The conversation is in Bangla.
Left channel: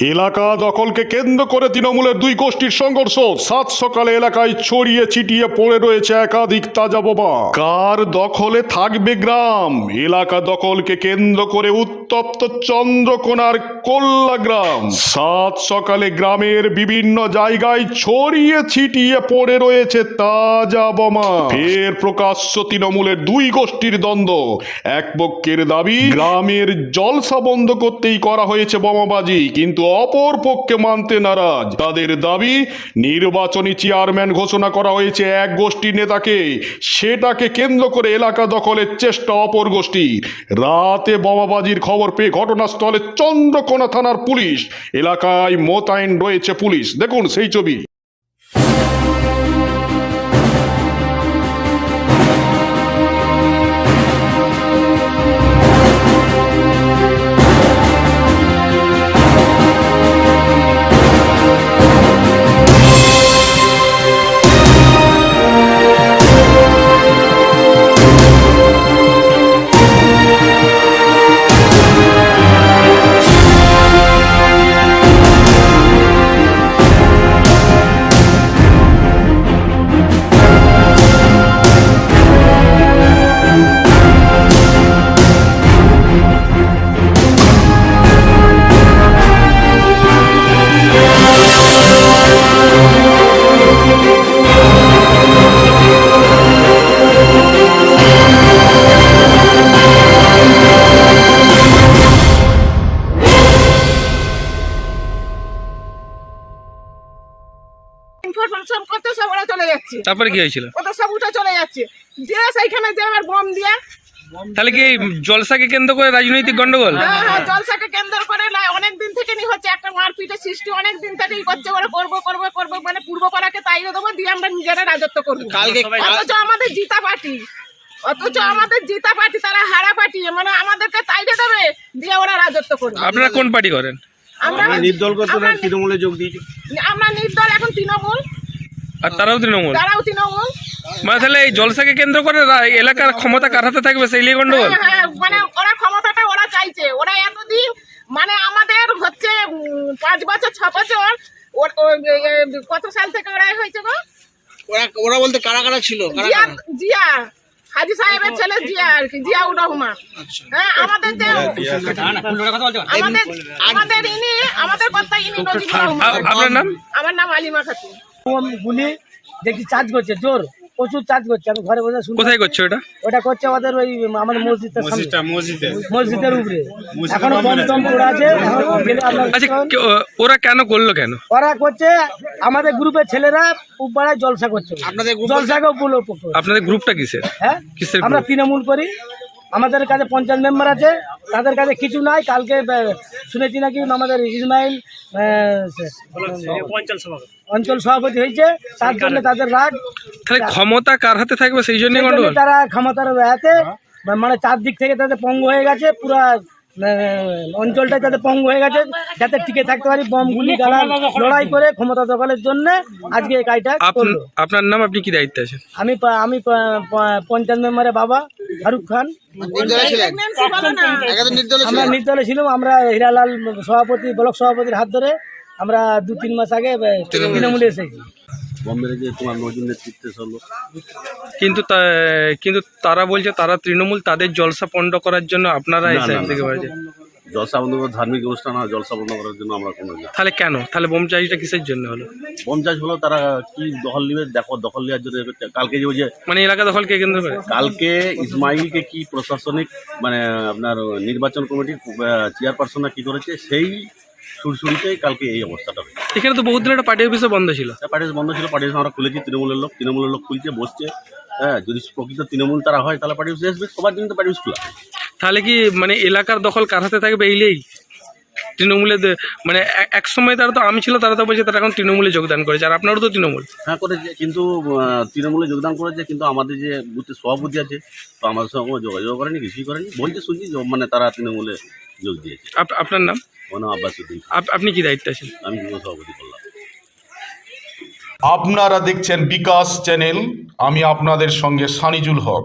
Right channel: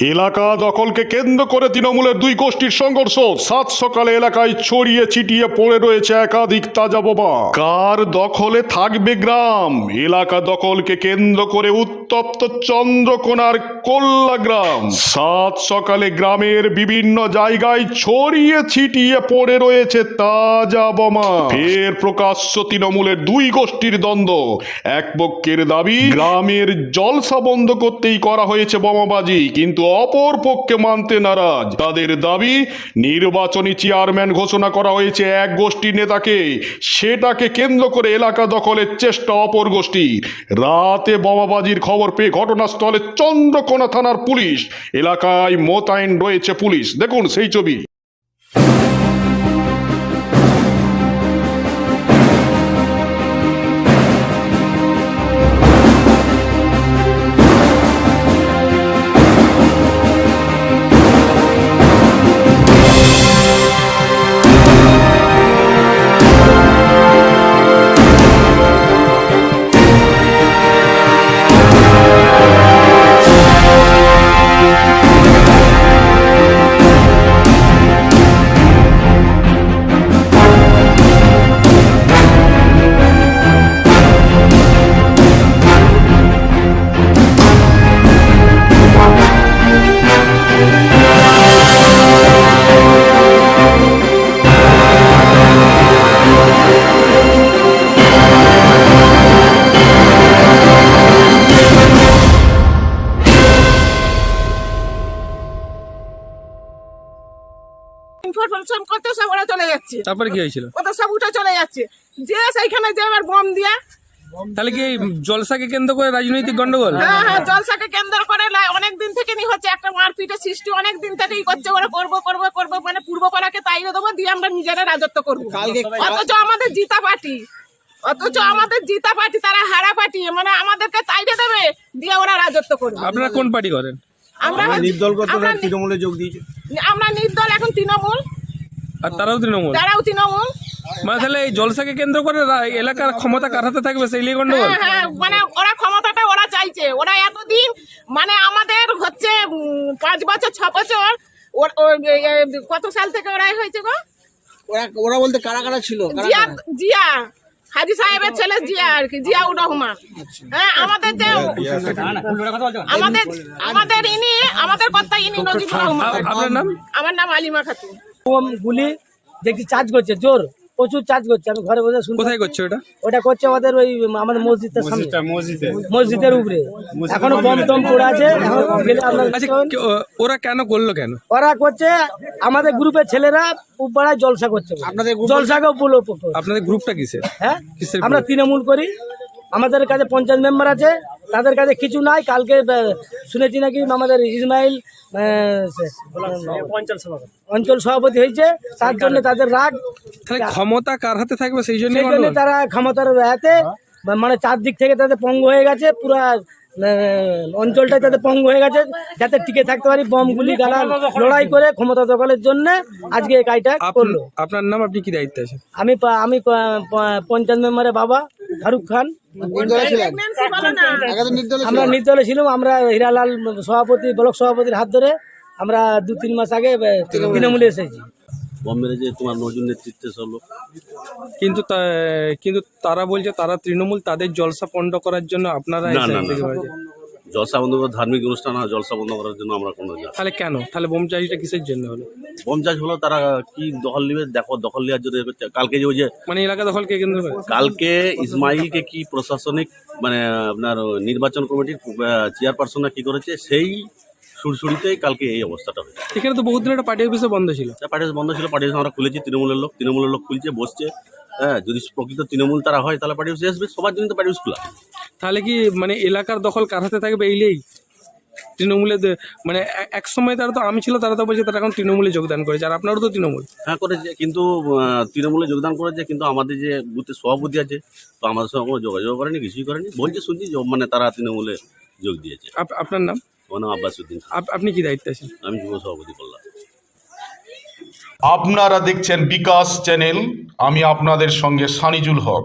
এলাকা দখলকে কেন্দ্র করে তৃণমূলের দুই গোষ্ঠীর সংঘর্ষ। সাত সকালে এলাকায় ছড়িয়ে ছিটিয়ে পড়ে রয়েছে একাধিক তাজা বোমা। কার দখলে থাকবে গ্রাম? এলাকা দখলকে কেন্দ্র করে উত্তপ্ত চন্দ্রকোনার কোল্লা গ্রাম। সাত সকালে গ্রামের বিভিন্ন জায়গায় ছড়িয়ে ছিটিয়ে পড়ে রয়েছে তাজা বোমা। ফের প্রকাশ্য তৃণমূলের দুই গোষ্ঠীর দ্বন্দ্ব। এক পক্ষের দাবি, গ্রামের জলসা বন্ধ করতেই করা হয়েছে বোমাবাজি, কিন্তু অপর পক্ষে মানতে নারাজ। তাদের দাবি, নির্বাচনী চেয়ারম্যান ঘোষণা করা হয়েছে এক গোষ্ঠীর নেতাকে। সেটাকে কেন্দ্র করে এলাকা দখলের চেষ্টা অপর গোষ্ঠী। রাতে বোমাবাজির খবর পেয়ে ঘটনাস্থলে চন্দ্রকোনা থানার পুলিশ। এলাকায় মোতায়েন রয়েছে পুলিশ। দেখুন সেই ছবি। করতে সব ওরা চলে যাচ্ছে। তারপরে কি হয়েছিল? সব উঠে চলে যাচ্ছে। যে সেইখানে যে আবার বম দিয়া তাহলে কি জলসাকে কেন্দ্র করে রাজনৈতিক গন্ডগোল? হ্যাঁ হ্যাঁ জলসাকে কেন্দ্র করে অনেক দিন থেকে নি হচ্ছে একটা মারপিটের সৃষ্টি অনেক দিন থেকেই করছে ওরা করব করব করব মানে পূর্ব পাড়াকে তাইও দেবো দিয়ে আমরা নিজেরা রাজত্ব করব। অথচ আমাদের জিতা পার্টি অথচ আমাদের জিতা পার্টি তারা হারা পার্টি মানে আমাদেরকে তাইকে দেবে দিয়ে ওরা রাজত্ব করবে। আপনারা কোন পার্টি করেন? আমরা নির্দল কত তৃণমূলে যোগ দিয়েছে। আমরা নির্দল এখন তৃণমূল। আর তারাও তৃণমূল? তারাও তৃণমূল। মানে তাহলে এই জলসাকে কেন্দ্র করে এলাকার ক্ষমতা কার হাতে থাকবে? সেই নিয়ে গন্ডগোল? হ্যাঁ, হ্যাঁ, মানে ওরা ক্ষমতাটা ওরা চাইছে। ওরা এতদিন মানে আমাদের হচ্ছে পাঁচ বছর ছ বছর কত সাল থেকে ওরা হয়েছে গো? ওরা ওরা বলতে কারা কারা ছিল? জিয়া জিয়া। হাজি সাহেবের ছেলে জিয়া আর কি জিয়াউর রহমান। আচ্ছা। হ্যাঁ আমাদের যে আমাদের আমাদের ইনি আমাদের কর্তা ইনি নজিবুর রহমান। আপনার নাম? আমার নাম আলিমা খাতুন। বোম গুলি দেখছি চার্জ করছে জোর প্রচুর চার্জ করছে আমি ঘরে বসে শুনছি কোথায় করছ এটা? ওটা করছে আমাদের ওই আমাদের মসজিদের সামনে। মসজিদে। মসজিদের উপরে। এখনও বম টম পড়ে আছে আচ্ছা ওরা কেন করল কেন? ওরা করছে আমাদের গ্রুপের ছেলেরা উপপাড়ায় জলসা করছে। জলসাকেও বলো আপনাদের গ্রুপটা কিসের? হ্যাঁ? কিসের আমরা? তৃণমূল করি। আমাদের কাছে পঞ্চায়েত মেম্বার আছে তাদের কাছে কিছু নাই কালকে শুনেছি নাকি আমাদের ইসমাইল অঞ্চল সভাপতি হয়েছে তার জন্য তাদের রাগ। তাহলে ক্ষমতা কার হাতে থাকবে সেই জন্য তারা ক্ষমতার হাতে মানে চারদিক থেকে তাদের পঙ্গু হয়ে গেছে পুরা অঞ্চলটা যাতে পঙ্গু হয়ে গেছে যাতে টিকে থাকতে পারি বম গুলি গালা লড়াই করে ক্ষমতা দখলের জন্য আজকে এই কাজটা করল। আপনার নাম আপনি কি দায়িত্বে আছেন? আমি আমি পঞ্চায়েত মেম্বারের বাবা। ফারুক খান। আমরা নির্দলে ছিলাম আমরা হীরালাল সভাপতি ব্লক সভাপতির হাত ধরে আমরা দু তিন মাস আগে তৃণমূলে এসেছি। তোমার নজরুল নেতৃত্বে কিন্তু তা- কিন্তু তারা বলছে তারা তৃণমূল তাদের জলসা পণ্ড করার জন্য আপনারা থেকে জলসা বন্ধ করে ধার্মিক অনুষ্ঠান আর জলসা বন্ধ করার জন্য আমরা কোনো তাহলে কেন? তাহলে বোমচারিটা কিসের জন্য হলো? বম চাষ হলো তারা কি দখল নিবে? দেখো দখল নেওয়ার জন্য কালকে যে ওই যে মানে এলাকা দখলকে কেন্দ্র করে? কালকে ইসমাইলকে কি প্রশাসনিক মানে আপনার নির্বাচন কমিটির চেয়ারপারসন কি করেছে সেই সুরসুরিতেই কালকে এই অবস্থাটা হয়েছে। এখানে তো বহুত দিন একটা পার্টি অফিসও বন্ধ ছিল। পার্টি অফিস বন্ধ ছিল পার্টি অফিস আমরা খুলেছি তৃণমূলের লোক তৃণমূলের লোক খুলছে বসছে। হ্যাঁ যদি প্রকৃত তৃণমূল তারা হয় তাহলে পার্টি অফিসে আসবে সবার জন্য তো পার্টি অফিস খোলা। তাহলে কি মানে এলাকার দখল কার হাতে থাকবে এইলেই তৃণমূলে মানে এক- সময় তারা তো আমি ছিল তারা তো বলছে তারা এখন তৃণমূলে যোগদান করেছে আর আপনারও তো তৃণমূল। হ্যাঁ করেছে কিন্তু তৃণমূলে যোগদান করেছে কিন্তু আমাদের যে বুথের সভাপতি আছে তো আমাদের সঙ্গে কোনো যোগাযোগ করেনি কিছুই করেনি। বলছে শুনছি যে মানে তারা তৃণমূলে যোগ দিয়েছে। আপ- আপনার নাম? আমার নাম আব্বাস উদ্দিন আপ- আপনি কি দায়িত্বে আছেন? আমি যুব সভাপতি করলাম আপনারা দেখছেন বিকাশ চ্যানেল আমি আপনাদের সঙ্গে সানিজুল হক।